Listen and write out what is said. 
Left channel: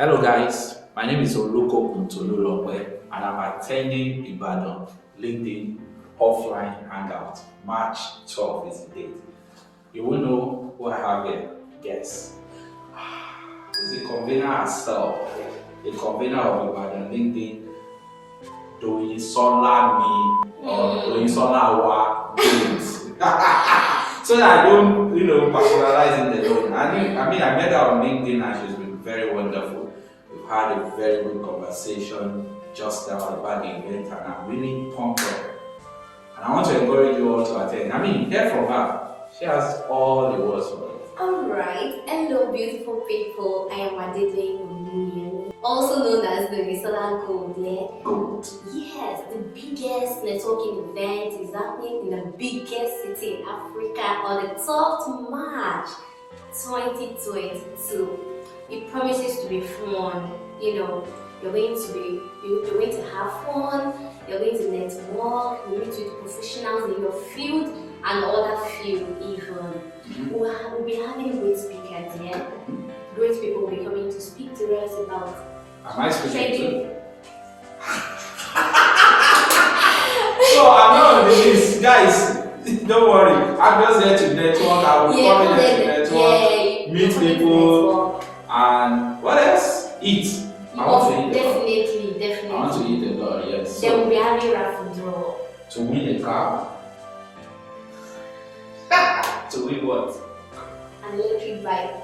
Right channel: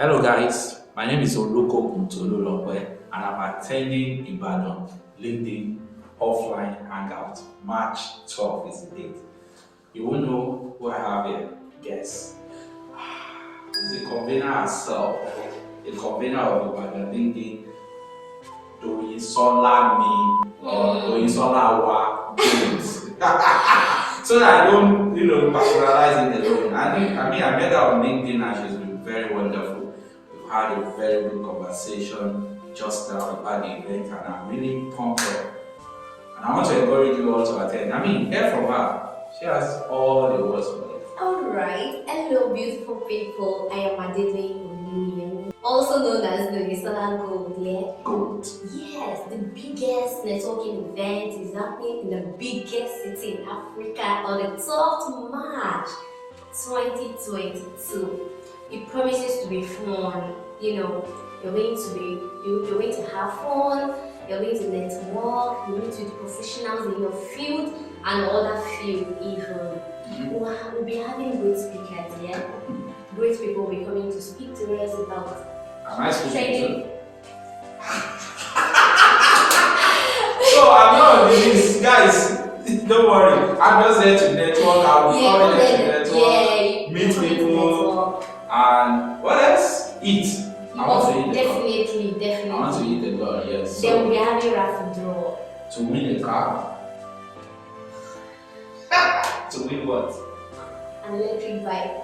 Hello guys, my name is Oluko Kuntolulokwe and I'm attending Ibadan LinkedIn offline Hangout. March 12th is the date. You will know who I have here. Guess. It's the convener herself, the convener of Ibadan LinkedIn, Doyinsola me or Doyinsola wa Games. So that I don't, personalize it alone. I met her on LinkedIn and she's been very wonderful. We've had a very good conversation just about the event and I'm really pumped up. And I want to encourage you all to attend. Hear from her. She has all the words for it. Alright, hello beautiful people. I am Adele, also known as the Solar Gold, yeah? Gold. Yes, the biggest networking event is happening in the biggest city in Africa on the 12th March 2022. It promises to be fun. You're going to have fun, you're going to network, you're going to meet professionals in your field and other field even. We'll be having great speakers, yeah? Great people will be coming to speak to us about Am I speaking trading. So I'm not on the list, guys. Don't worry. I'm just here to network. I'll be coming here to network, meet people, and what else? Eat. I want to eat. Definitely. I want to eat a lot, yes. They will be having raffle draw. To win a car. To win what? An electric bike.